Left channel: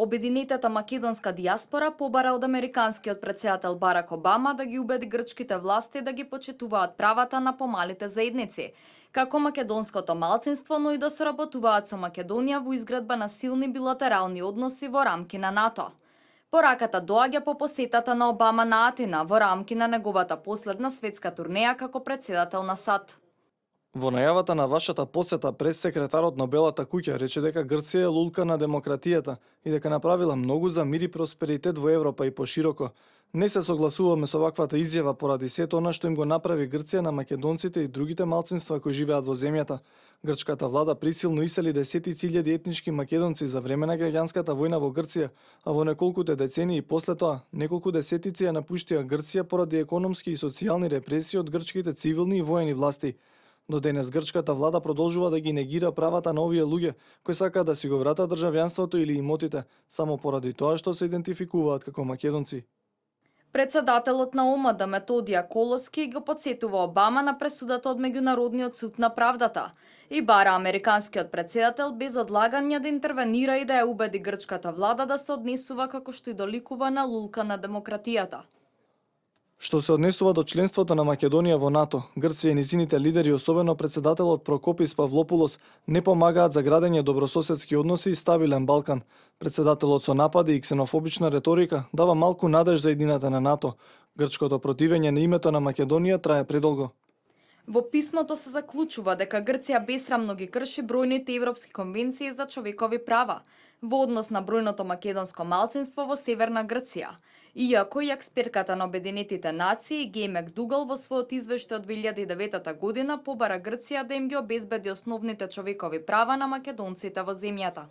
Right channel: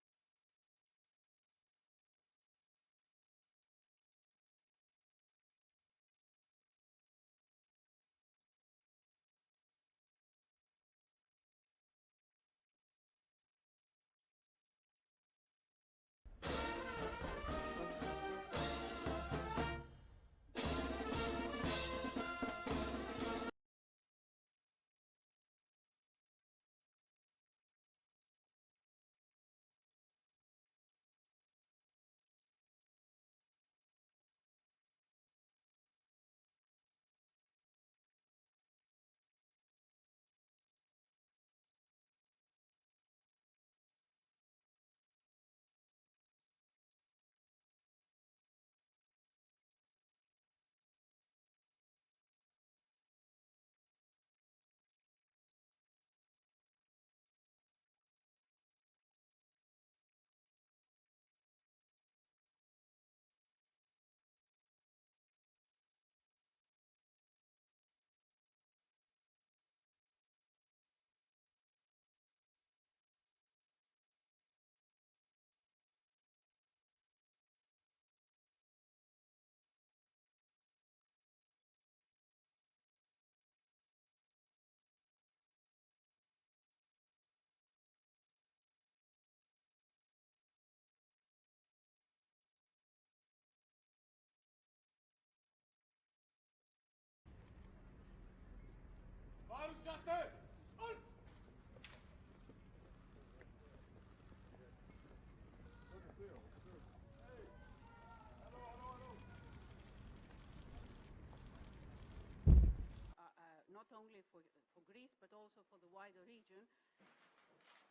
Обединетата македонска диаспора побара од американскиот претседател Барак Обама да ги убеди грчките власти да ги почитуваат правата на помалите заедници, како македонското малцинство, но и да соработуваат со Македонија во изградба на силни билатерални односи во рамки на НАТО. Пораката доаѓа по посетата на Обама на Атина во рамки на неговата последна светска турнеја како претседател на САД. Во најавата на вашата посета, прес-секретарот на Белата куќа рече дека Грција е лулка на демократијата и дека направила многу за мир и просперитет во Европа и пошироко. Не се согласуваме со ваквата изјава поради сето она што им го направи Грција на македонците и другите малцинства кои живеат во земјата. Грчката влада присилно исели десетици илјади етнички македонци за време на граѓанската војна во Грција, а во неколкуте децении после тоа, неколку десетици ја напуштија Грција поради економски и социјални репресии од грчките цивилни и воени власти. До денес грчката влада продолжува да ги негира правата на овие луѓе кои сакаат да си го вратат државјанството или имотите, само поради тоа што се идентификуваат како македонци. Председателот на ОМД Методија Колоски го потсетува Обама на пресудата од Меѓународниот суд на правдата и бара американскиот претседател без одлагање да интервенира и да ја убеди грчката влада да се однесува како што и доликува на лулка на демократијата. Што се однесува до членството на Македонија во НАТО, Грција и низините лидери, особено председателот Прокопис Павлопулос, не помагаат за градење добрососедски односи и стабилен Балкан. Председателот со напади и ксенофобична реторика дава малку надеж за едината на НАТО. Грчкото противење на името на Македонија трае предолго. Во писмото се заклучува дека Грција бесрамно ги крши бројните европски конвенции за човекови права во однос на бројното македонско малцинство во Северна Грција. Иако и експертката на Обединетите нации Геј Макдугал во својот извештај од 2009 година побара Грција да им ги обезбеди основните човекови права на македонците во земјата.